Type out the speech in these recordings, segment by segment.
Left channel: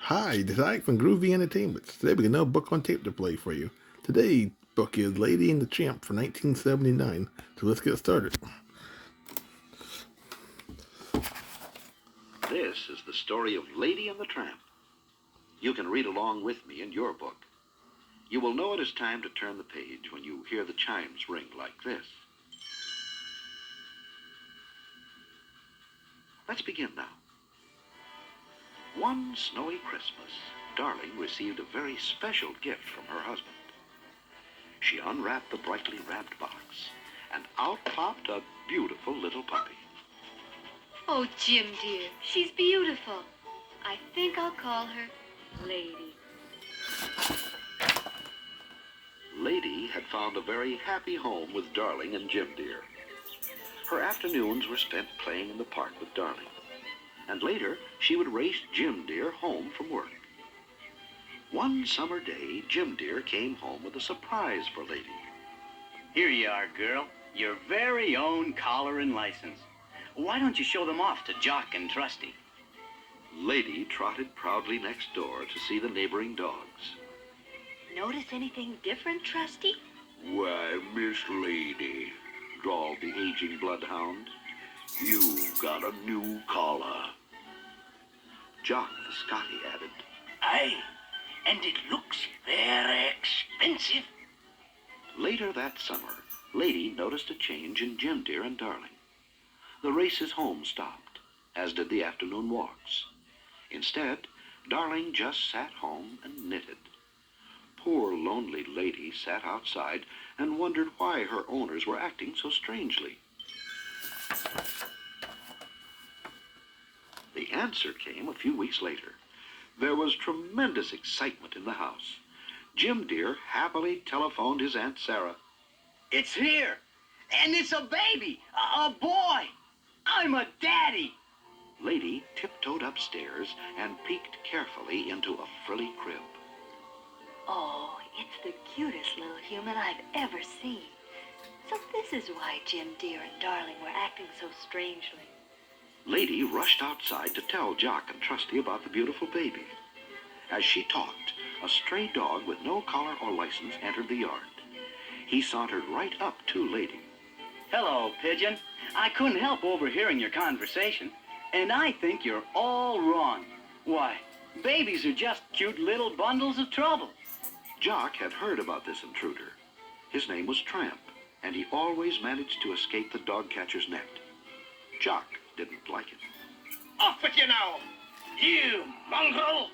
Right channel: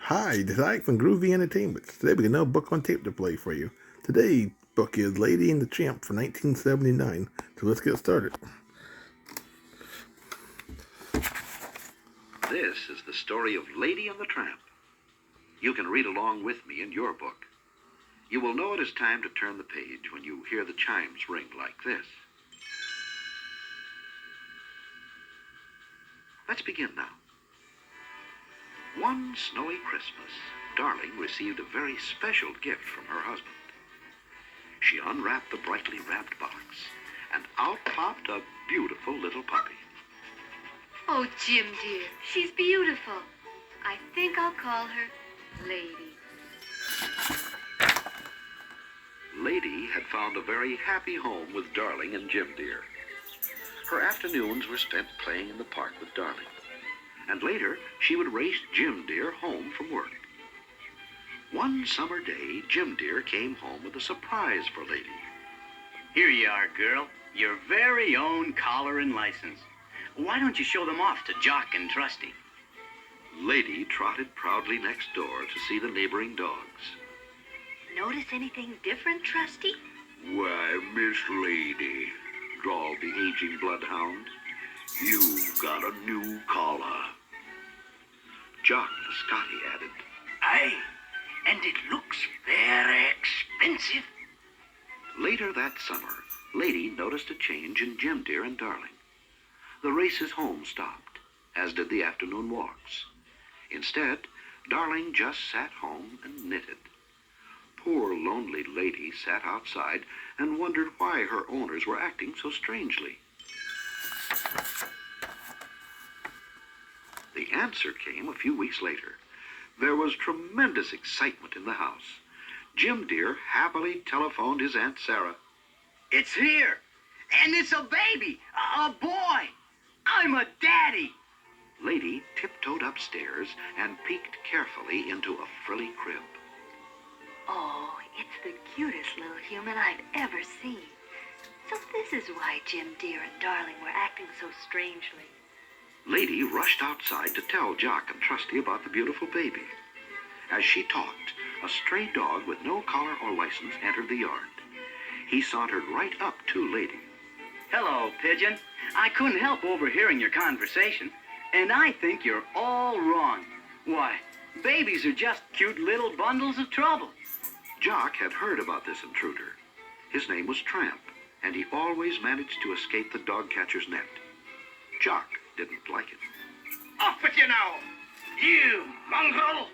Hi, this is Ike from Groovy Entertainment. Today we got another book on tape to play for you. Today's book is Lady and the Tramp from 1979. So let's get started. This is the story of Lady and the Tramp. You can read along with me in your book. You will know it is time to turn the page when you hear the chimes ring like this. Let's begin now. One snowy Christmas, Darling received a very special gift from her husband. She unwrapped the brightly wrapped box, and out popped a beautiful little puppy. Oh, Jim, dear, she's beautiful. I think I'll call her Lady. Lady had found a very happy home with Darling and Jim Dear. Her afternoons were spent playing in the park with Darling, and later she would race Jim Dear home from work. One summer day, Jim Dear came home with a surprise for Lady. Here you are, girl. Your very own collar and license. Why don't you show them off to Jock and Trusty? Lady trotted proudly next door to see the neighboring dogs. Notice anything different, Trusty? Why, Miss Lady, drawled the aging bloodhound, you've got a new collar. Jock the Scotty added, Aye, and it looks very expensive. Later that summer, Lady noticed a change in Jim Dear and Darling. The races home stopped, as did the afternoon walks. Instead, Darling just sat home and knitted. Poor lonely Lady sat outside and wondered why her owners were acting so strangely. The answer came a few weeks later. There was tremendous excitement in the house. Jim Dear happily telephoned his Aunt Sarah. It's here, and it's a baby, a boy. I'm a daddy. Lady tiptoed upstairs and peeked carefully into a frilly crib. Oh, it's the cutest little human I've ever seen. So this is why Jim Dear and Darling were acting so strangely. Lady rushed outside to tell Jock and Trusty about the beautiful baby. As she talked, a stray dog with no collar or license entered the yard. He sauntered right up to Lady. Hello, Pigeon. I couldn't help overhearing your conversation, and I think you're all wrong. Why, babies are just cute little bundles of trouble. Jock had heard about this intruder. His name was Tramp, and he always managed to escape the dog catcher's net. Jock didn't like it. Off with you now, you mongrel!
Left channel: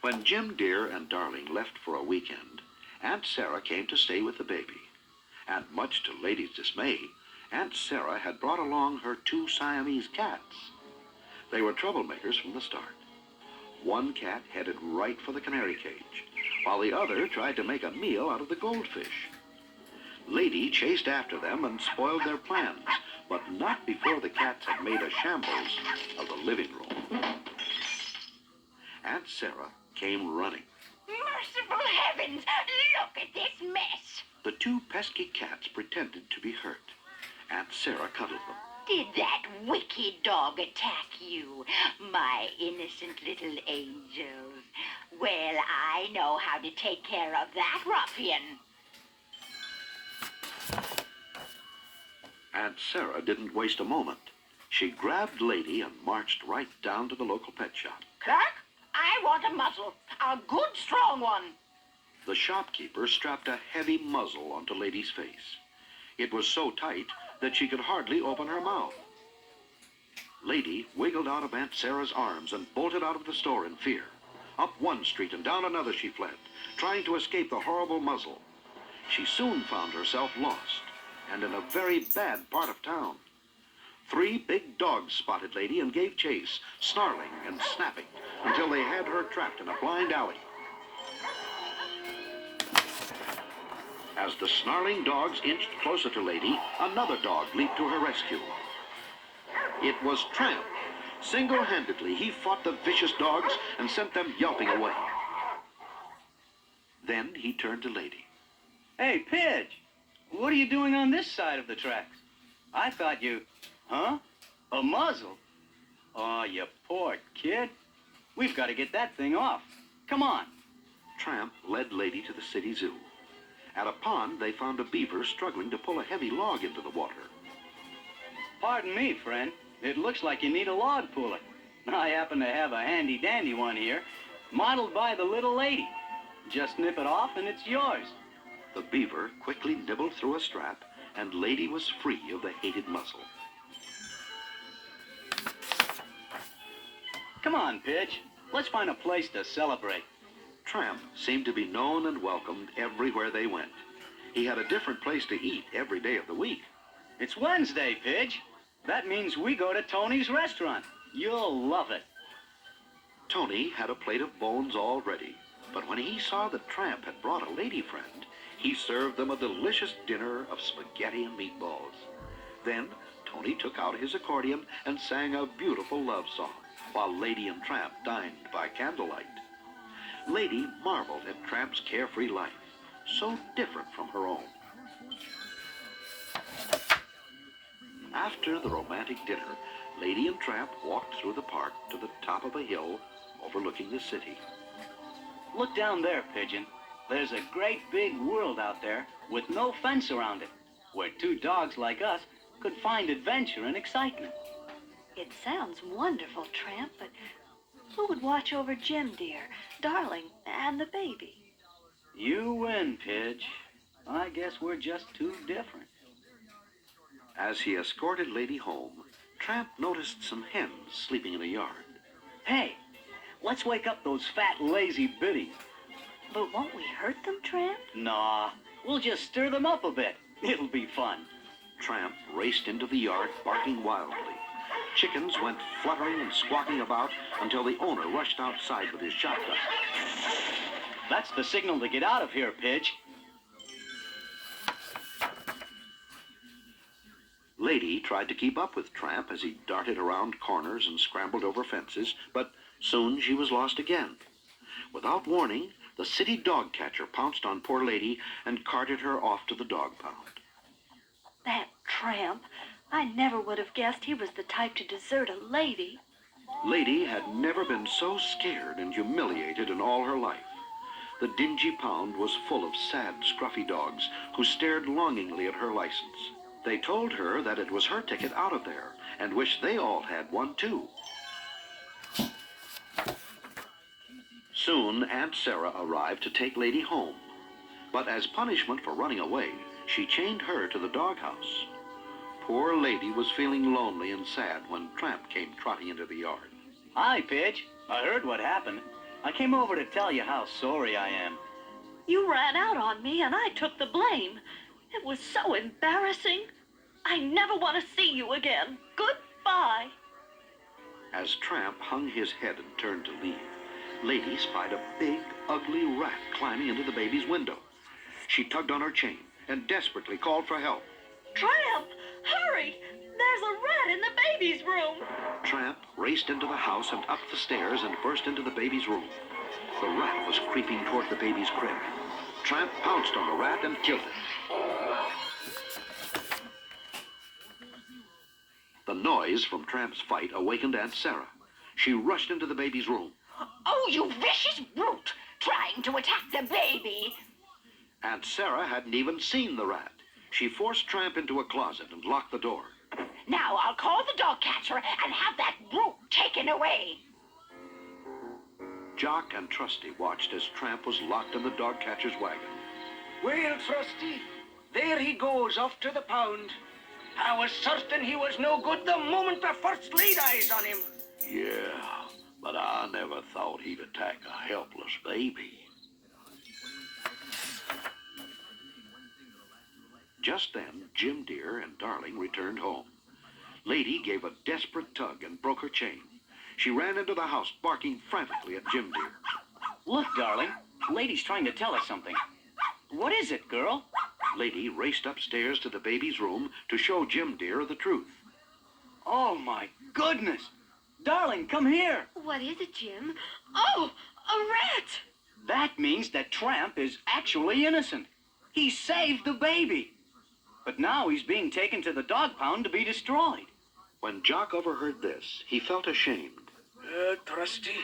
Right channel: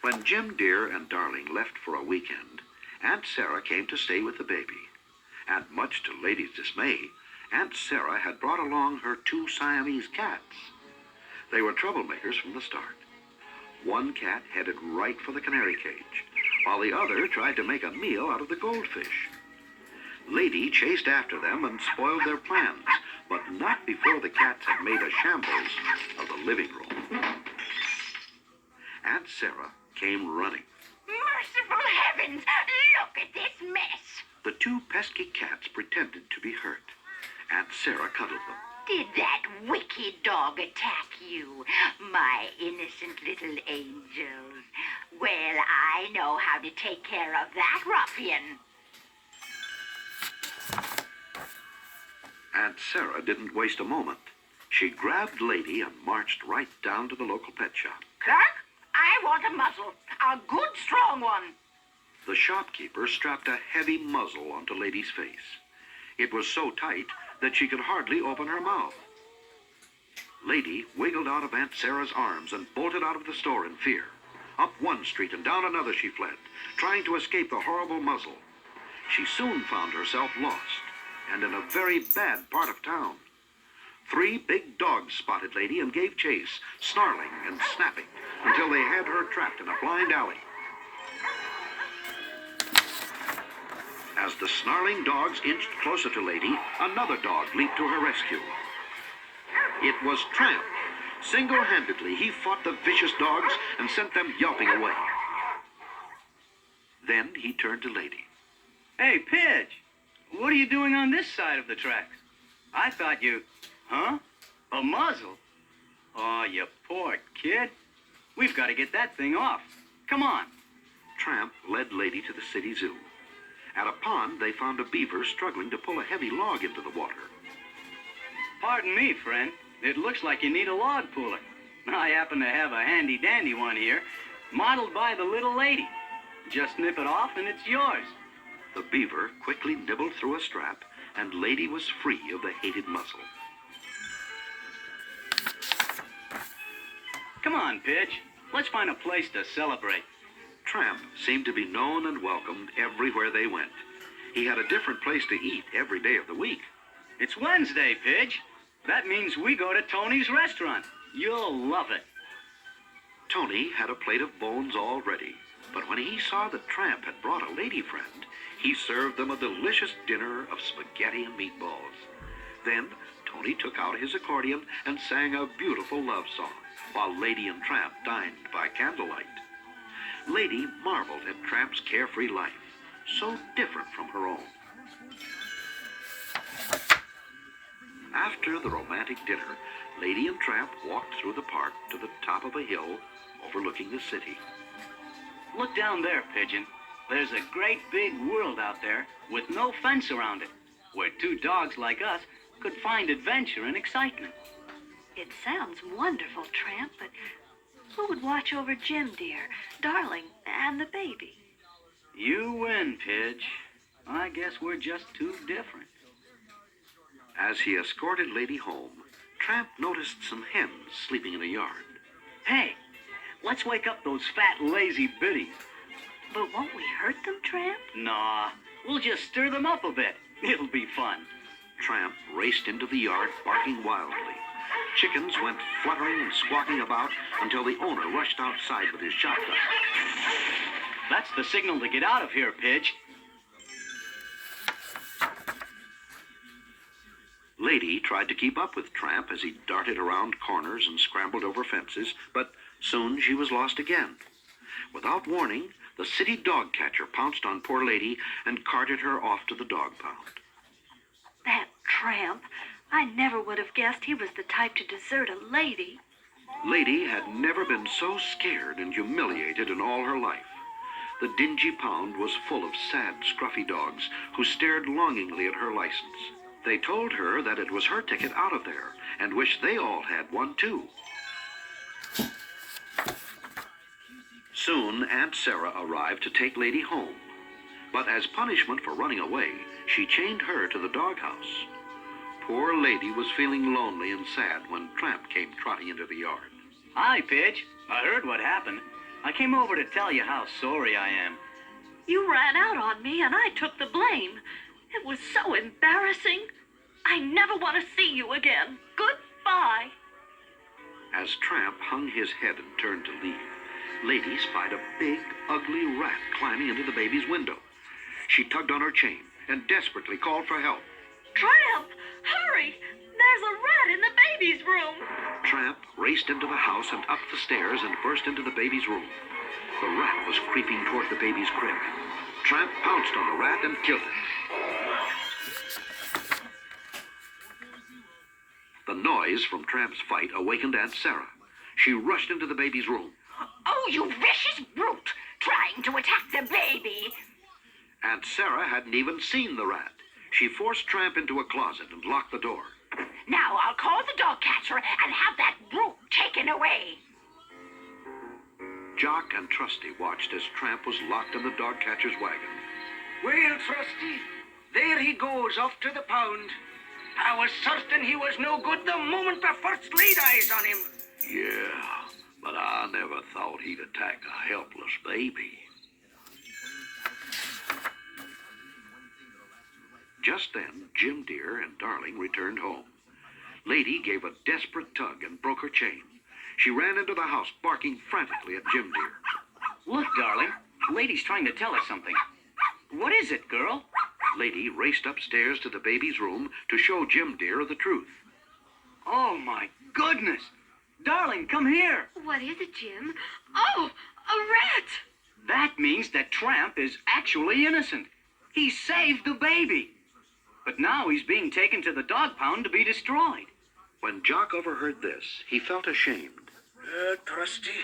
When Jim Dear and Darling left for a weekend, Aunt Sarah came to stay with the baby. And much to Lady's dismay, Aunt Sarah had brought along her two Siamese cats. They were troublemakers from the start. One cat headed right for the canary cage, while the other tried to make a meal out of the goldfish. Lady chased after them and spoiled their plans, but not before the cats had made a shambles of the living room. Aunt Sarah came running. Merciful heavens! Look at this mess! The two pesky cats pretended to be hurt. Aunt Sarah cuddled them. Did that wicked dog attack you, my innocent little angels? Well, I know how to take care of that ruffian. Aunt Sarah didn't waste a moment. She grabbed Lady and marched right down to the local pet shop. Clerk, I want a muzzle, a good strong one. The shopkeeper strapped a heavy muzzle onto Lady's face. It was so tight that she could hardly open her mouth. Lady wiggled out of Aunt Sarah's arms and bolted out of the store in fear. Up one street and down another she fled, trying to escape the horrible muzzle. She soon found herself lost, and in a very bad part of town. 3 big dogs spotted Lady and gave chase, snarling and snapping, until they had her trapped in a blind alley. As the snarling dogs inched closer to Lady, another dog leaped to her rescue. It was Tramp. Single-handedly, he fought the vicious dogs and sent them yelping away. Then he turned to Lady. Hey, Pidge, what are you doing on this side of the tracks? I thought you... Huh? A muzzle? Oh, you poor kid. We've got to get that thing off. Come on. Tramp led Lady to the city zoo. At a pond, they found a beaver struggling to pull a heavy log into the water. Pardon me, friend. It looks like you need a log puller. I happen to have a handy-dandy one here, modeled by the little lady. Just nip it off and it's yours. The beaver quickly nibbled through a strap, and Lady was free of the hated muscle. Come on, Pitch. Let's find a place to celebrate. Tramp seemed to be known and welcomed everywhere they went. He had a different place to eat every day of the week. It's Wednesday, Pidge. That means we go to Tony's restaurant. You'll love it. Tony had a plate of bones all ready, but when he saw that Tramp had brought a lady friend, he served them a delicious dinner of spaghetti and meatballs. Then Tony took out his accordion and sang a beautiful love song, while Lady and Tramp dined by candlelight. Lady marveled at Tramp's carefree life, so different from her own. After the romantic dinner, Lady and Tramp walked through the park to the top of a hill overlooking the city. Look down there, Pigeon. There's a great big world out there with no fence around it, where two dogs like us could find adventure and excitement. It sounds wonderful, Tramp, but who would watch over Jim, dear, Darling, and the baby? You win, Pidge. I guess we're just too different. As he escorted Lady home, Tramp noticed some hens sleeping in a yard. Hey, let's wake up those fat, lazy biddies. But won't we hurt them, Tramp? Nah, we'll just stir them up a bit. It'll be fun. Tramp raced into the yard, barking wildly. Chickens went fluttering and squawking about until the owner rushed outside with his shotgun. That's the signal to get out of here, Pidge. Lady tried to keep up with Tramp as he darted around corners and scrambled over fences, but soon she was lost again. Without warning, the city dog catcher pounced on poor Lady and carted her off to the dog pound. That Tramp. I never would have guessed he was the type to desert a lady. Lady had never been so scared and humiliated in all her life. The dingy pound was full of sad, scruffy dogs who stared longingly at her license. They told her that it was her ticket out of there and wished they all had one too. Soon Aunt Sarah arrived to take Lady home, but as punishment for running away, she chained her to the doghouse. Poor Lady was feeling lonely and sad when Tramp came trotting into the yard. Hi, Pidge. I heard what happened. I came over to tell you how sorry I am. You ran out on me and I took the blame. It was so embarrassing. I never want to see you again. Goodbye. As Tramp hung his head and turned to leave, Lady spied a big, ugly rat climbing into the baby's window. She tugged on her chain and desperately called for help. Tramp, hurry! There's a rat in the baby's room. Tramp raced into the house and up the stairs and burst into the baby's room. The rat was creeping toward the baby's crib. Tramp pounced on the rat and killed it. The noise from Tramp's fight awakened Aunt Sarah. She rushed into the baby's room. Oh, you vicious brute! Trying to attack the baby! Aunt Sarah hadn't even seen the rat. She forced Tramp into a closet and locked the door. Now I'll call the dog catcher and have that brute taken away. Jock and Trusty watched as Tramp was locked in the dog catcher's wagon. Well, Trusty, there he goes off to the pound. I was certain he was no good the moment I first laid eyes on him. Yeah, but I never thought he'd attack a helpless baby. Just then, Jim Deer and Darling returned home. Lady gave a desperate tug and broke her chain. She ran into the house, barking frantically at Jim Deer. Look, Darling. Lady's trying to tell us something. What is it, girl? Lady raced upstairs to the baby's room to show Jim Deer the truth. Oh, my goodness. Darling, come here. What is it, Jim? Oh, a rat! That means that Tramp is actually innocent. He saved the baby. But now he's being taken to the dog pound to be destroyed. When Jock overheard this, he felt ashamed. Trusty,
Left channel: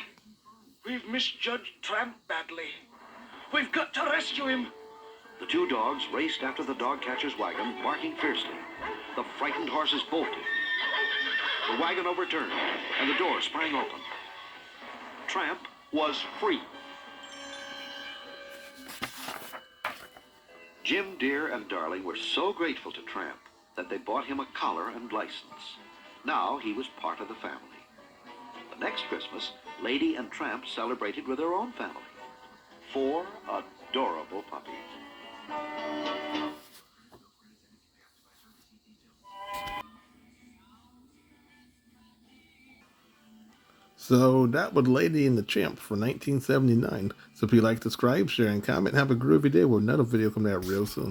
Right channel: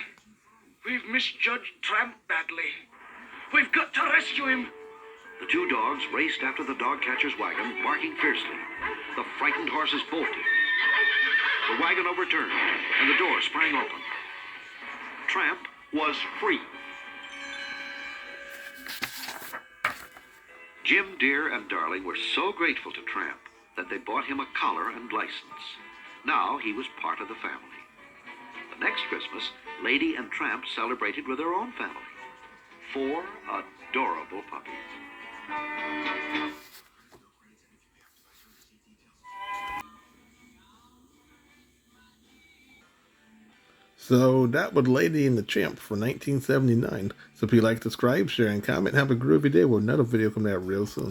we've misjudged Tramp badly. We've got to rescue him. The two dogs raced after the dog catcher's wagon, barking fiercely. The frightened horses bolted. The wagon overturned, and the door sprang open. Tramp was free. Jim, Dear, and Darling were so grateful to Tramp that they bought him a collar and license. Now he was part of the family. The next Christmas, Lady and Tramp celebrated with their own family. 4 adorable puppies. So that was Lady and the Tramp for 1979. So if you like, subscribe, share, and comment. Have a groovy day with another video coming out real soon.